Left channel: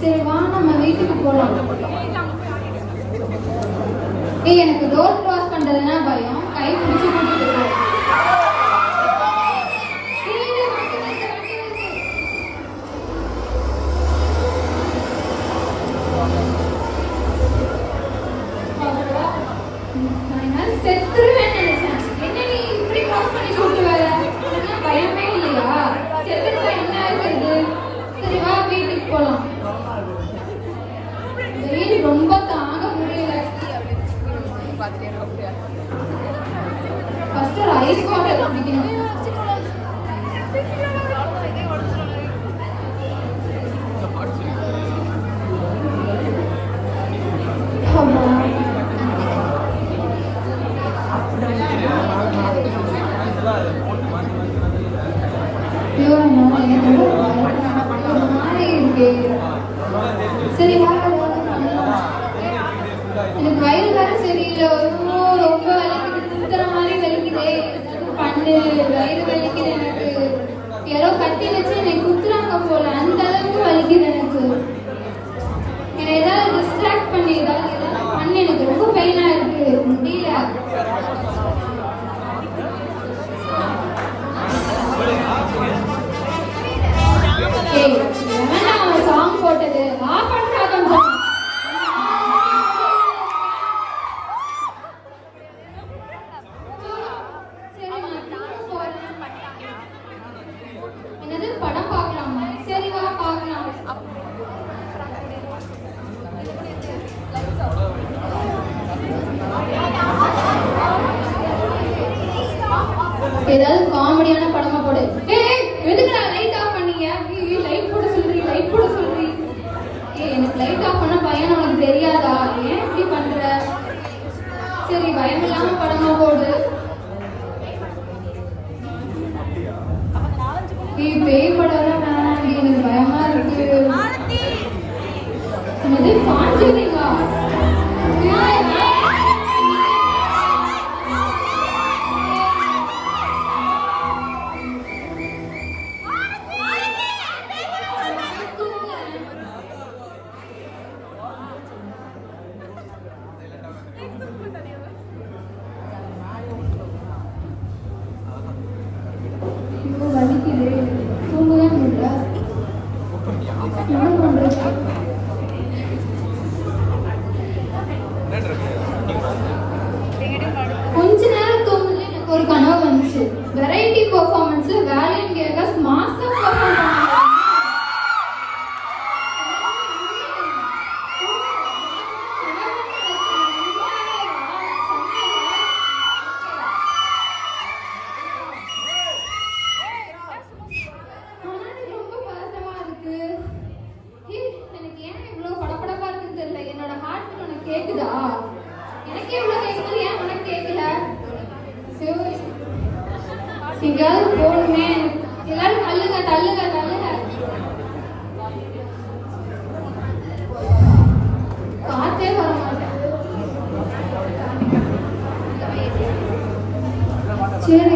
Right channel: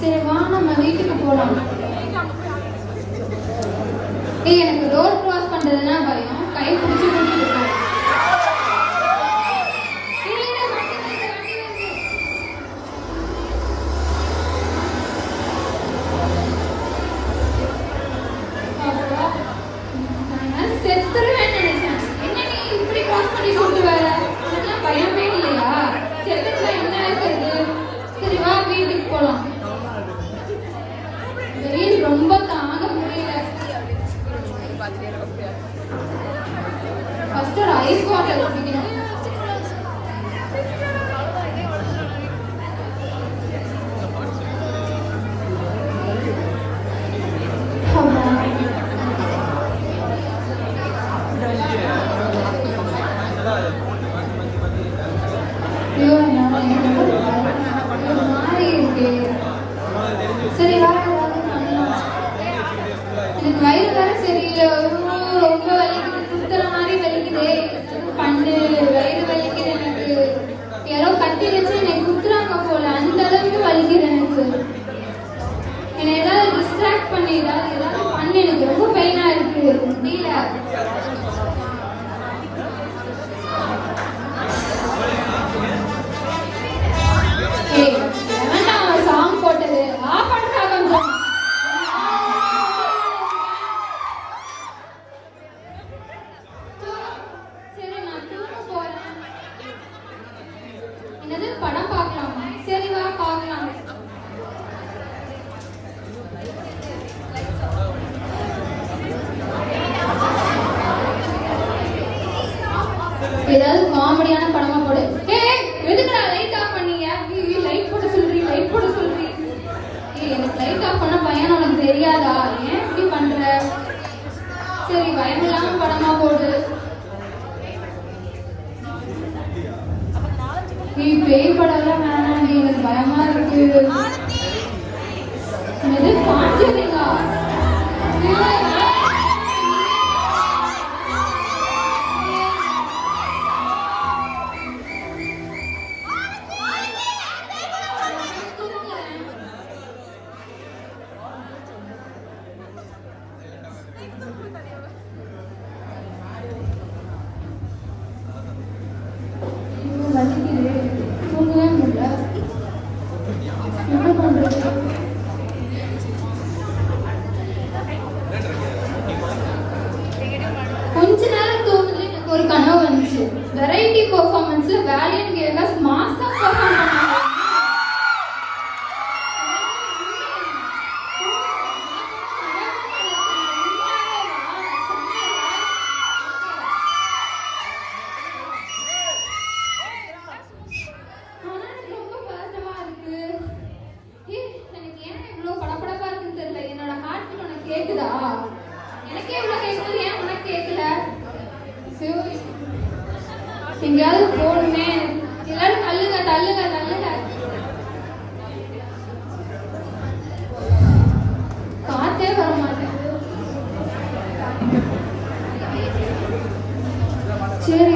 சரி வா நம்ம வீட்டுக்கு போலாம். எனக்கு ரோட் கிராஸ் பண்றதுன்னா பயம். கை பிடிச்சி கூட்டிட்டு போ. செத்துருவேன் நினைச்சேன். என்ன நீ இப்படி கிராஸ் பண்ணி கூட்டு வர? பயமே இல்லையா? செத்துருந்தா என்ன ஆகுறது? சரி வா வீட்டுக்கு போலாம். வெயில் ரொம்ப தாங்க முடியல. ஃபர்ஸ்ட் ஒரு ஐஸ் வாட்டர் குடிக்கணும். சரி வா எனக்கு வயிறு வேற சரியில்லை. ரொம்ப வலிக்குது. குத்துற மாதிரி வலிக்குதே. பண்ணு வயிறு வலிக்குது. எனக்கு யாரோ கட்டி வச்சு என்னை குத்துறாங்க போல. அந்த அளவுக்கு வலிக்குது எனக்கு. என்னை ஏதாவது டிஸ்ட்ராக்ட் பண்ணி ஏதாவது பண்ணு. எனக்கு ரொம்ப பெயினா இருக்கு. முடியல. சாங் போட்டது என்னது படம் பார்க்கலாம். சரி வா பார்க்கலாம். ஏதாவது காமெடியான படமா போடு. எதுக்குடா லைட் ஆஃப் பண்ணீங்க? லைட் போட சொல்றீ, லைட் போட சொல்றீ. எனக்கு லைட் ஆஃப் பண்ண பயம் உனக்கு தெரியாதா? ஏன் இப்படி பண்ற? சரி பயமில்லாம படமா போடு. பேய் படம் வேணாம். எனக்கு பயமா இருக்கு. எது பாத்துட்டீங்க? தூங்கவே முடியல. என்ன பண்றது? கொஞ்ச நேரம் தூங்கல. எனக்கு ஒரு கனவு வந்துச்சு. வெரைட்டி பெர்ஃபார்மன்ஸ்ல வேலியன்ட் கேர்ள்ஸ் மாஸ்டர் பெர்ஃபார்மன்ஸ். எனக்கு ஏன் இவ்வளவு படபடப்பா இருக்குன்னு தெரியல. என்னோட ஹார்ட் உனக்கு கேக்குதா? எனக்கு இவ்வளவு கேக்குது. ஏன் உனக்கு கேட்கல? எங்கேயாவது போகணுமே. எல்லாரும் தள்ளுங்க தள்ளுங்க தள்ளுங்க. காத்தே வர மாட்டேங்குது. சரி